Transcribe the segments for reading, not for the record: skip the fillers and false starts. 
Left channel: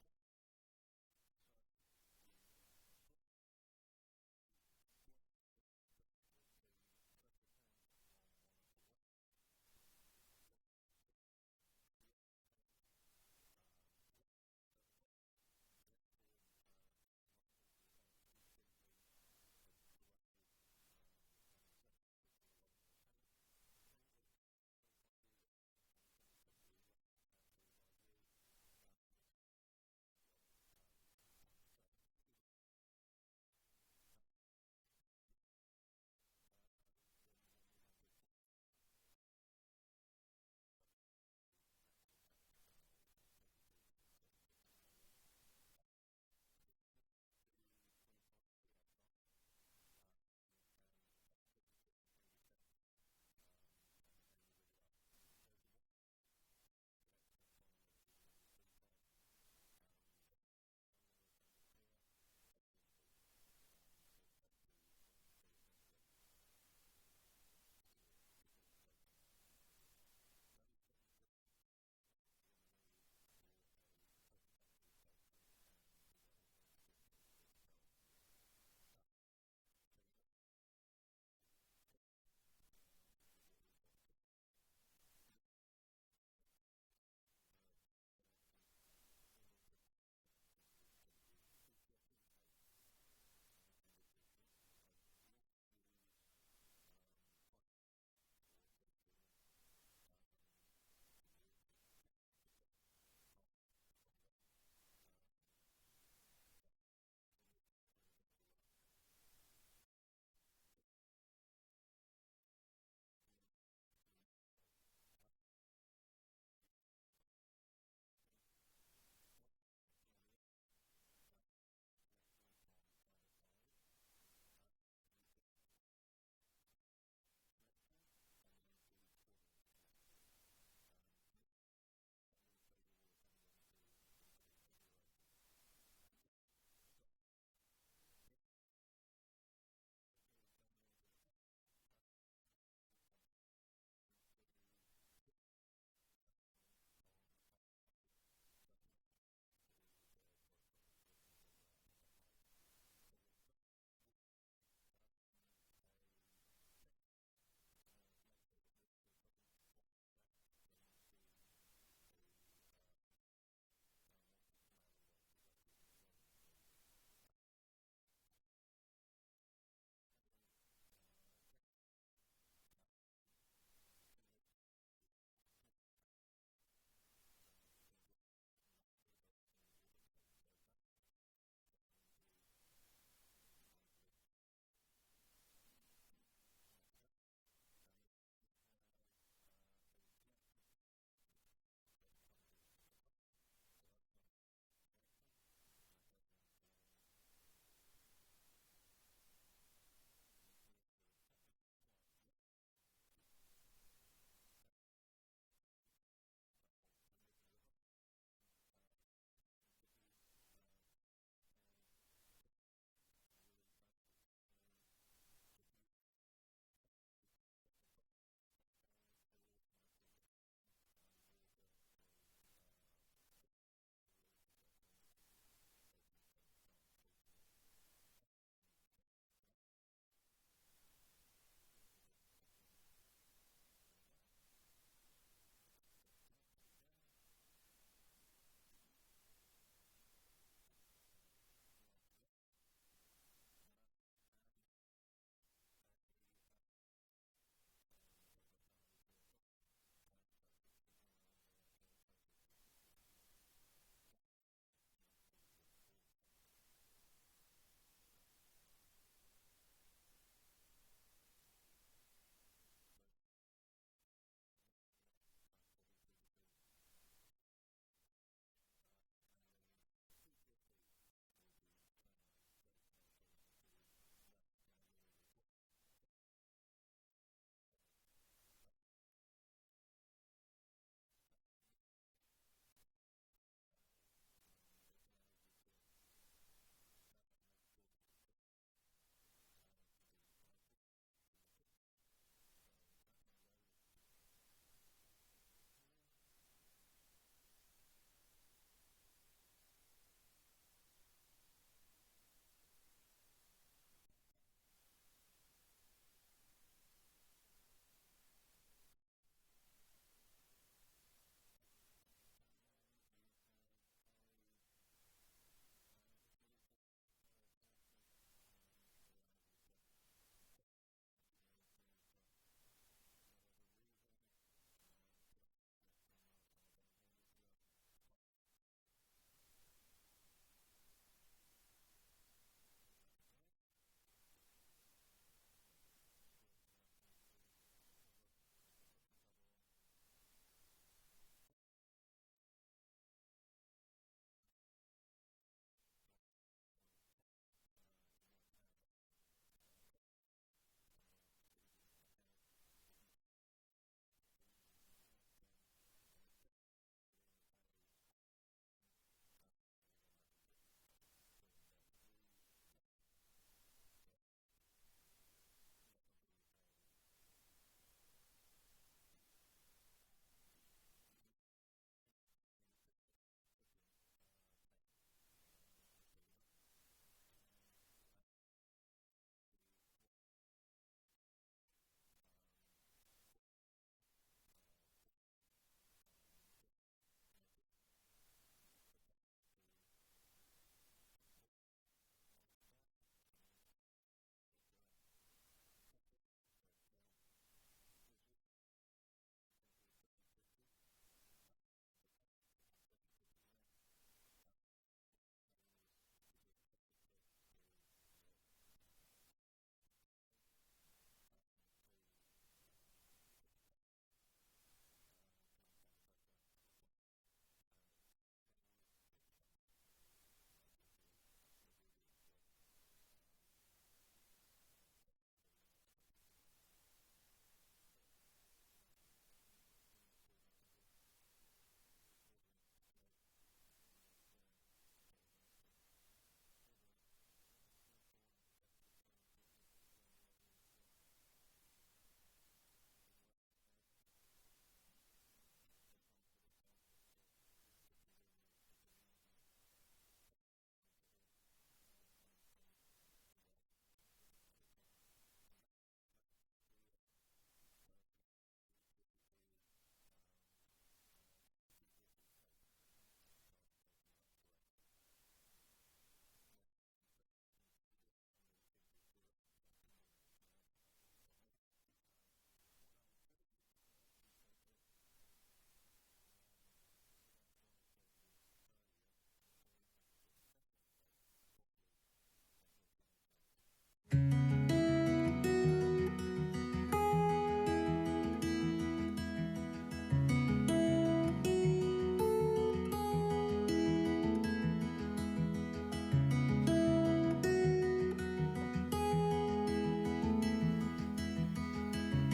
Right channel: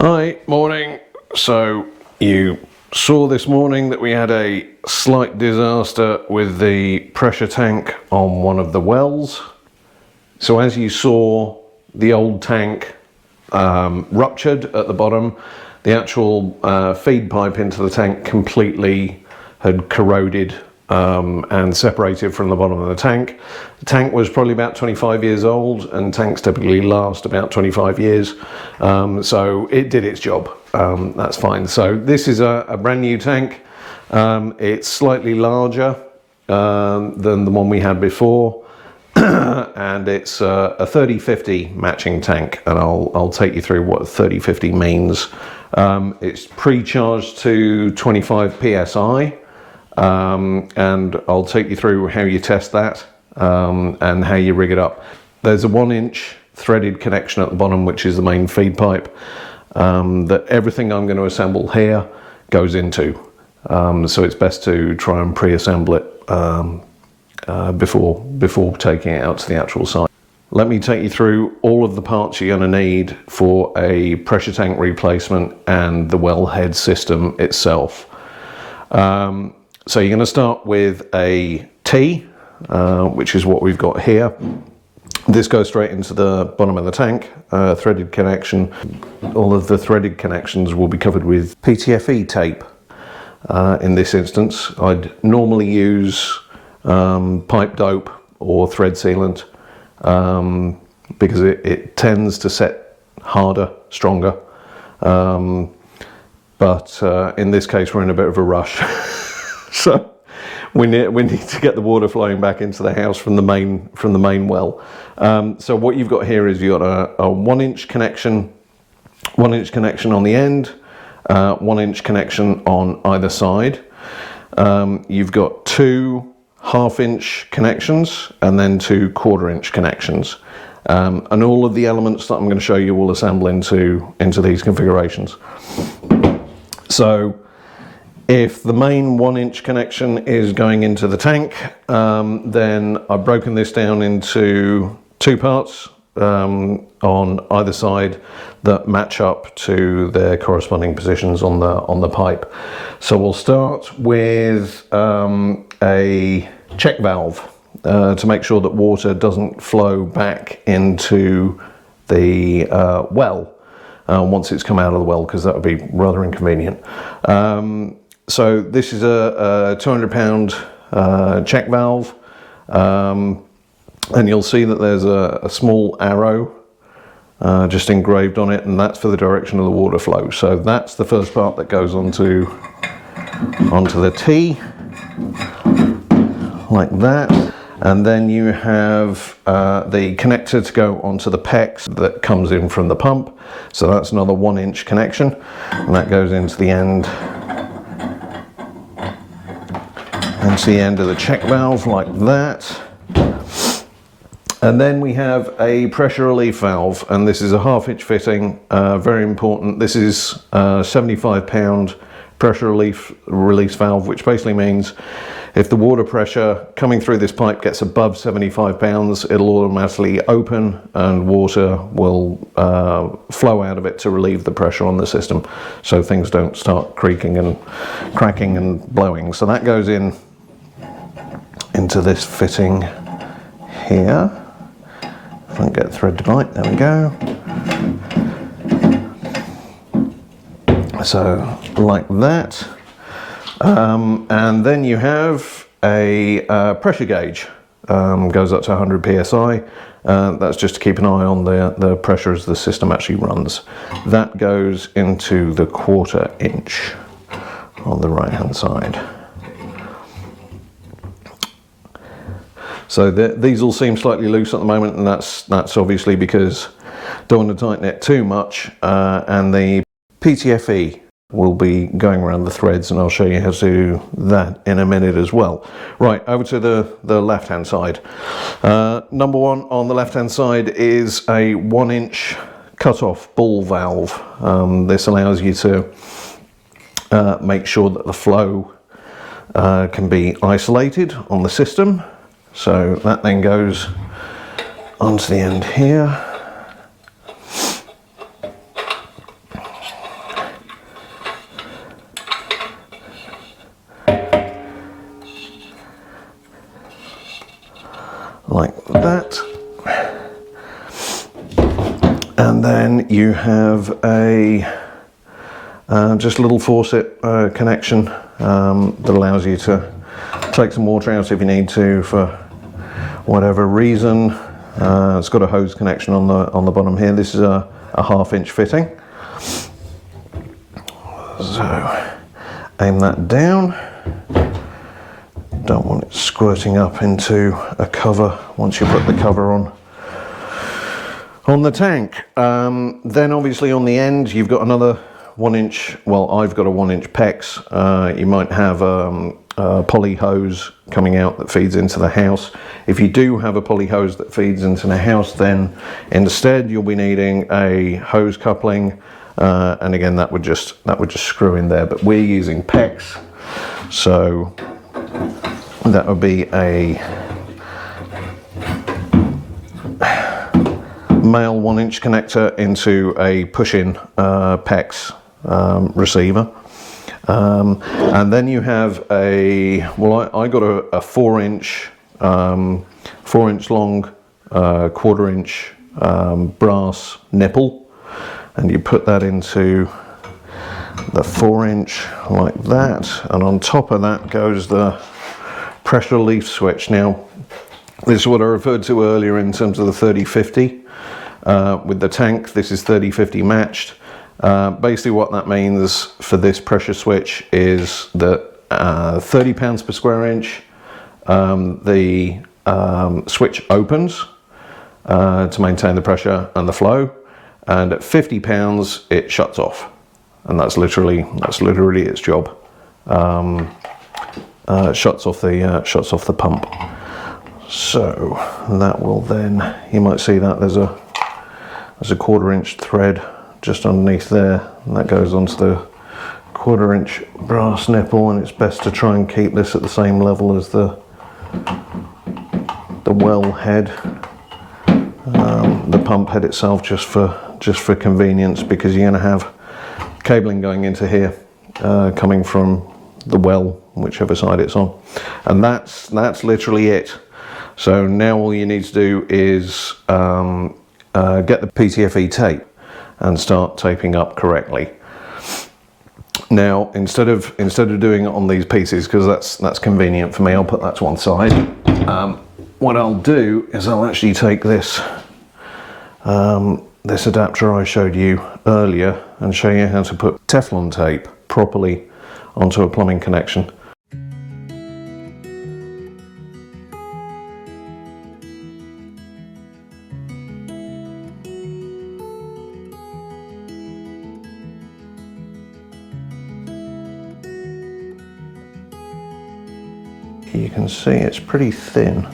Hi, morning. So you saw this morning that we had a slight disaster with the pressure tank on one of the wells. So as you saw, the old tank ruptured at the bottom. The actual feed pipe into the tank completely had corroded and separated from the bottom of the tank. The tank was probably about 25 years old, and tanks typically last about 25 years. So it did its job. That's fine. So this is a brand new tank. It's slightly larger than the one we had before. And it's a 30-50 matching tank, and I'll take you through what 30-50 means. It's pre-charged to 25 psi, and I'll take you through how you test that and how you rig it up. There's a 1-inch threaded connection at the bottom, which is the main feed pipe that everything I'm going to assemble here goes into. So it's best to try and pre-assemble it before taking it out to the actual site. Let me take you through all of the parts you're going to need for a pressure tank replacement and the wellhead system itself. So you're going to start with a T, which is what we've got here. This goes straight into the bottom of the tank, threaded connection. All of the threaded connections will be covered with PTFE tape. In this instance, I'd normally use pipe dope or thread sealant because it tends to set harder, stronger. But in this case, we're in a bit of a rush. So we need to get the water flowing back into the house from the main well. So what you've got here is you've got a 1-inch connection, 1-inch connection on the end, 1-inch connection on either side. You've got 2 half-inch connections and then 2 1/4-inch connections. And all of the elements that I'm going to show you will assemble into these configurations. So if the main 1-inch connection is going into the tank, then I've broken this down into 2 parts on either side that match up to their corresponding positions on the pipe. So we'll start with a check valve to make sure that water doesn't flow back into the well once it's come out of the well, because that would be rather inconvenient. So this is a 200-pound check valve, and you'll see that there's a small arrow just engraved on it, and that's for the direction of the water flow. So that's the first part that goes onto the T, like that. And then you have the connector to go onto the PEX that comes in from the pump. So that's another 1-inch connection, and that goes into the end of the check valve, like that. And then we have a pressure relief valve, and this is a 1/2-inch fitting, very important. This is a 75-pound pressure release valve, which basically means if the water pressure coming through this pipe gets above 75 pounds, it'll automatically open and water will flow out of it to relieve the pressure on the system, so things don't start creaking and cracking and blowing. So that goes into this fitting here. If I can get thread to bite, there we go. So like that. And then you have a pressure gauge, goes up to 100 psi. That's just to keep an eye on the pressure as the system actually runs. That goes into the 1/4 inch on the right hand side. So these all seem slightly loose at the moment, and that's obviously because don't want to tighten it too much, and the PTFE will be going around the threads, and I'll show you how to do that in a minute as well. Right, over to the left hand side. Number 1 on the left hand side is a 1-inch cut-off ball valve. This allows you to make sure that the flow can be isolated on the system. So that then goes onto the end here. then you have a just a little faucet connection that allows you to take some water out if you need to for whatever reason. It's got a hose connection on the bottom here. This is a 1/2 inch fitting. So aim that down. Don't want it squirting up into a cover once you put the cover on the tank. Then obviously on the end you've got another 1 inch, well, I've got a 1 inch PEX. You might have a poly hose coming out that feeds into the house. If you do have a poly hose that feeds into the house, then instead you'll be needing a hose coupling, and again that would just screw in there, but we're using PEX, so that would be a male 1 inch connector into a push-in PEX receiver. And then you have a, well, I got a 4 inch long 1/4 inch brass nipple, and you put that into the 4 inch like that, and on top of that goes the pressure relief switch. Now this is what I referred to earlier in terms of the 30-50 with the tank. This is 30-50 matched. Basically what that means for this pressure switch is that 30 pounds per square inch, the switch opens to maintain the pressure and the flow, and at 50 pounds it shuts off, and that's literally its job. Shuts off the pump. So that will then, you might see that there's a 1/4 inch thread just underneath there, and that goes onto the 1/4 inch brass nipple, and it's best to try and keep this at the same level as the well head, the pump head itself, just for convenience, because you're going to have cabling going into here, coming from the well, whichever side it's on, and that's literally it. So now all you need to do is get the PTFE tape and start taping up correctly. Now instead of doing it on these pieces, because that's convenient for me, I'll put that to one side. What I'll do is I'll actually take this this adapter I showed you earlier and show you how to put Teflon tape properly onto a plumbing connection. You can see it's pretty thin,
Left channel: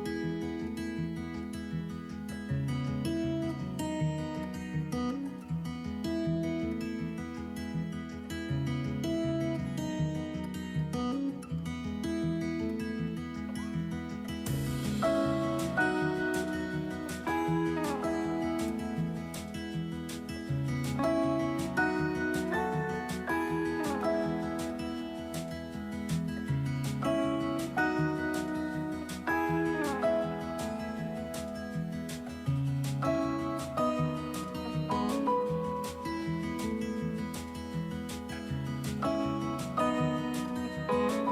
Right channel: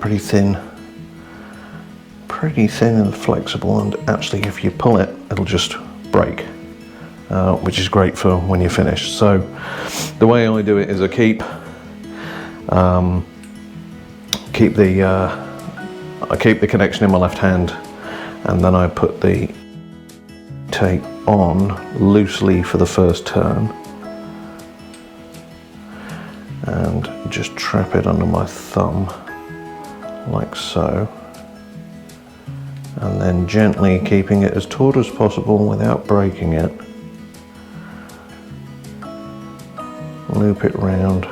pretty thin and flexible, and actually if you pull it, it'll just break, which is great for when you're finished. So the way I do it is I keep the connection in my left hand, and then I put the tape on loosely for the first turn, and just trap it under my thumb like so, and then gently keeping it as taut as possible without breaking it, loop it round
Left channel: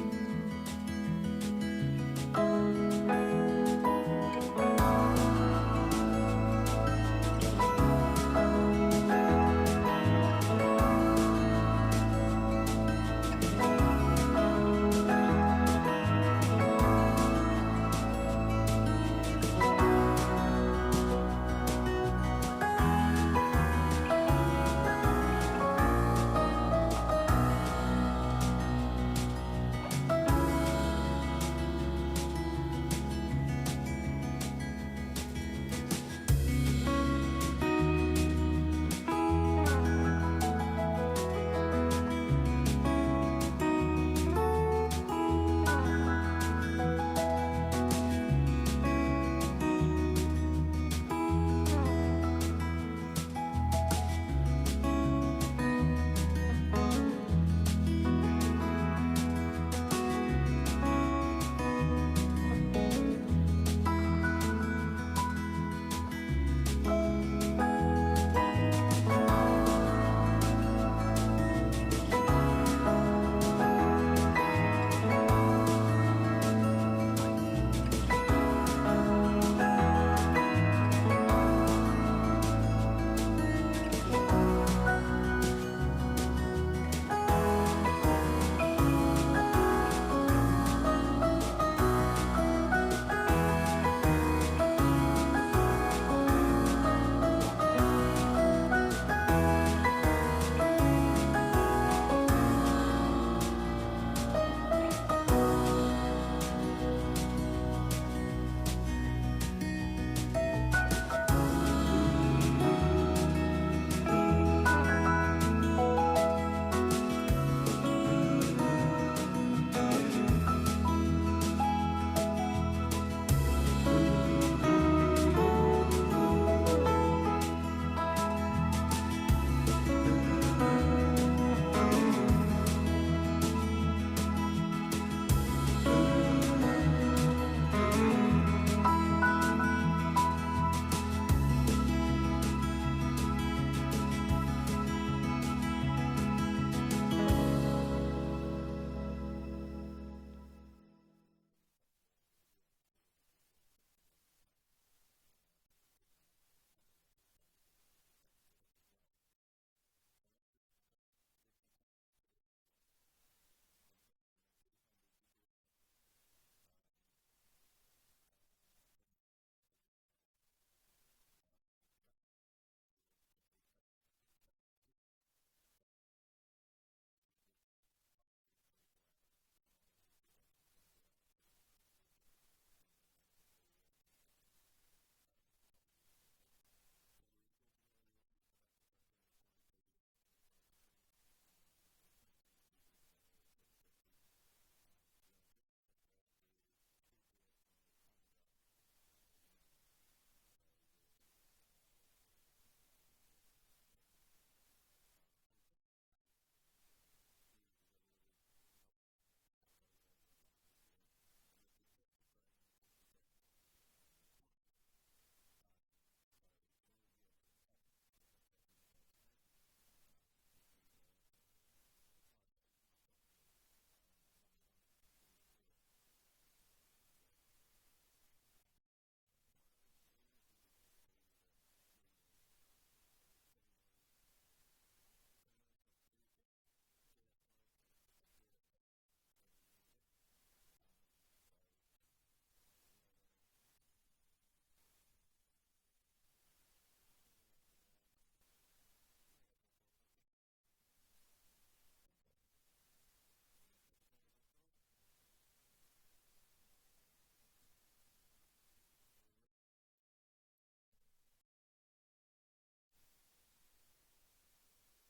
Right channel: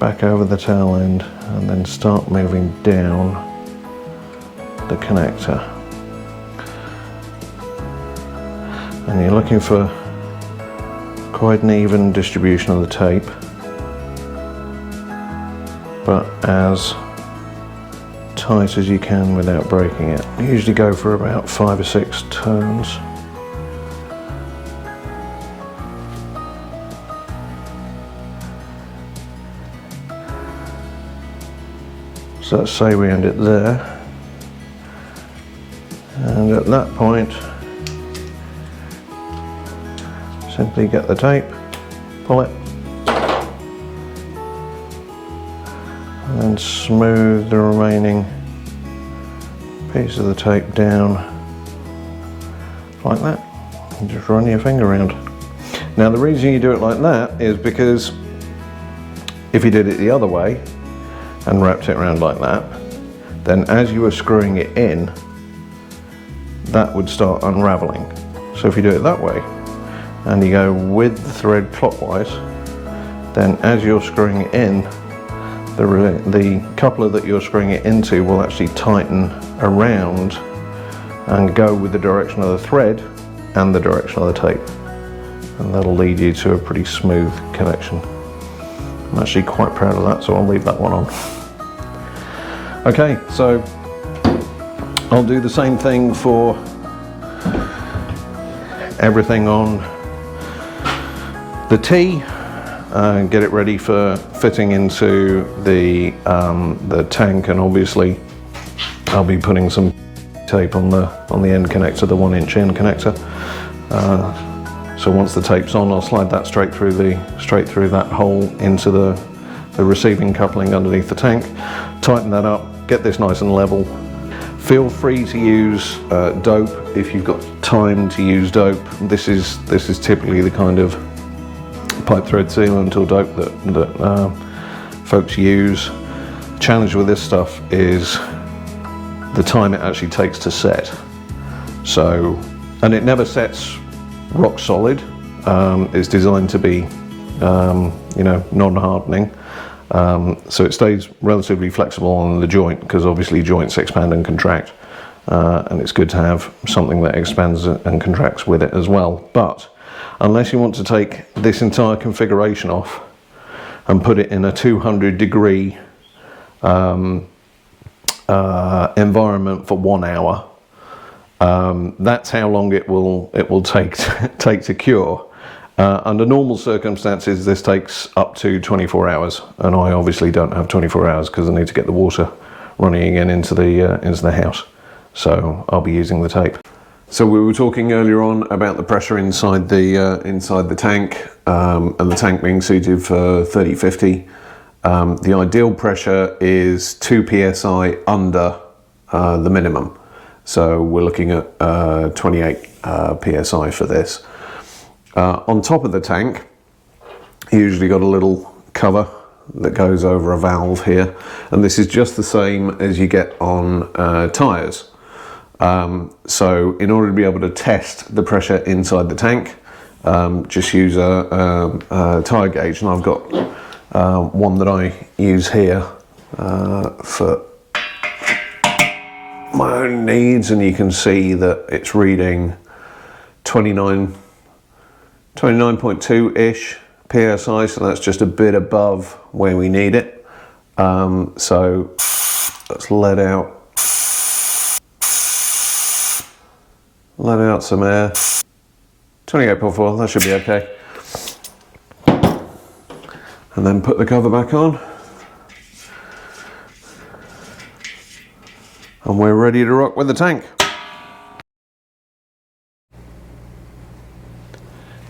back over the tail end, and then start moving down the connector. And you're looking for quite an even distribution of the tape, but as tight as you can without breaking it. I usually go for about 5 or 6 turns. So let's say we end it there, and at that point simply get the tape, pull it, and smooth the remaining piece of the tape down like that, and just run your finger around. Now the reason you do it like that is because if you did it the other way and wrapped it around like that, then as you are screwing it in, that would start unraveling. So if you do it that way, and you go with the thread clockwise, then as you're screwing it in, the coupler that you're screwing it into will actually tighten around and go with the direction of the thread and the direction of the tape. And that'll lead you to a pretty smooth connection. I'm actually quite proud of that, so I'll leave that one on. Okay, so I'll do the same thing for everything on the T. Get it ready for fitting into the tank, and obviously I'll be putting some tape on the end connector, the 1-inch end connector. So once the tape's on, I'll slide that straight through that hole into the receiving coupling underneath the tank. Tighten that up, get this nice and level. Feel free to use dope if you've got time to use dope. This is typically the kind of pipe thread sealant or dope that folks use. The challenge with this stuff is the time it actually takes to set. So, and it never sets rock solid. It's designed to be, you know, non-hardening. So it stays relatively flexible on the joint, because obviously joints expand and contract, and it's good to have something that expands and contracts with it as well. But unless you want to take this entire configuration off and put it in a 200-degree environment for 1 hour, that's how long it will take to cure. Under normal circumstances, this takes up to 24 hours, and I obviously don't have 24 hours because I need to get the water running again into the house. So I'll be using the tape. So we were talking earlier on about the pressure inside the tank, and the tank being suited for 30-50. The ideal pressure is 2 psi under the minimum. So we're looking at 28 psi for this. On top of the tank, you usually got a little cover that goes over a valve here, and this is just the same as you get on tyres. So in order to be able to test the pressure inside the tank, just use a tyre gauge, and I've got one that I use here for my own needs, and you can see that it's reading 29.2-ish psi, so that's just a bit above where we need it. So let's let out some air. 28.4, that should be okay. And then put the cover back on. And we're ready to rock with the tank.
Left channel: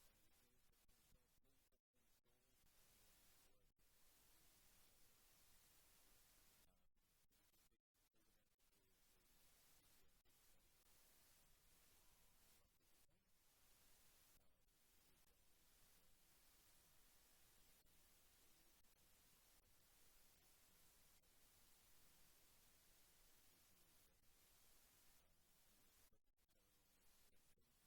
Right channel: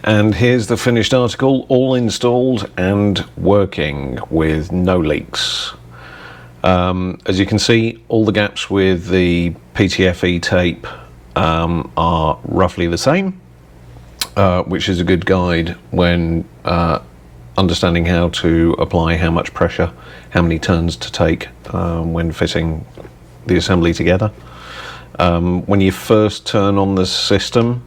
And here's the finished article, all installed and working with no leaks. As you can see, all the gaps with the PTFE tape are roughly the same, which is a good guide when understanding how to apply how much pressure, how many turns to take when fitting the assembly together. When you first turn on the system,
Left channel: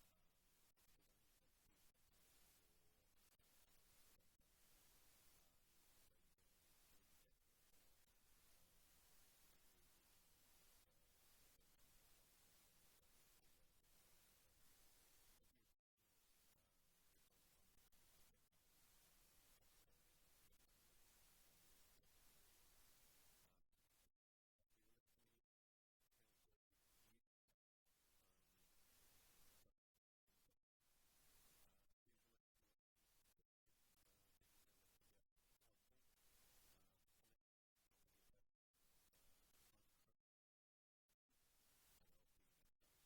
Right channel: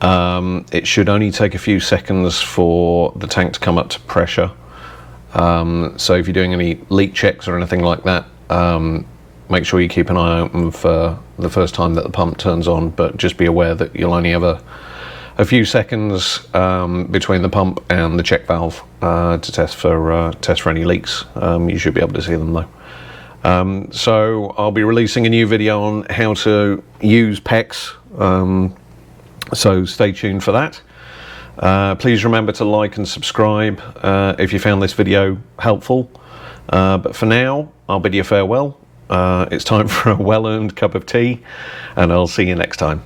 it should only take a few seconds for the tank to come up to pressure. So if you're doing any leak checks or anything like that, make sure you keep an eye open for the first time that the pump turns on, but just be aware that you'll only have a few seconds between the pump and the check valve to test for any leaks. You should be able to see them though. So I'll be releasing a new video on how to use PEX, so stay tuned for that. Please remember to like and subscribe if you found this video helpful. But for now, I'll bid you farewell. It's time for a well-earned cup of tea, and I'll see you next time.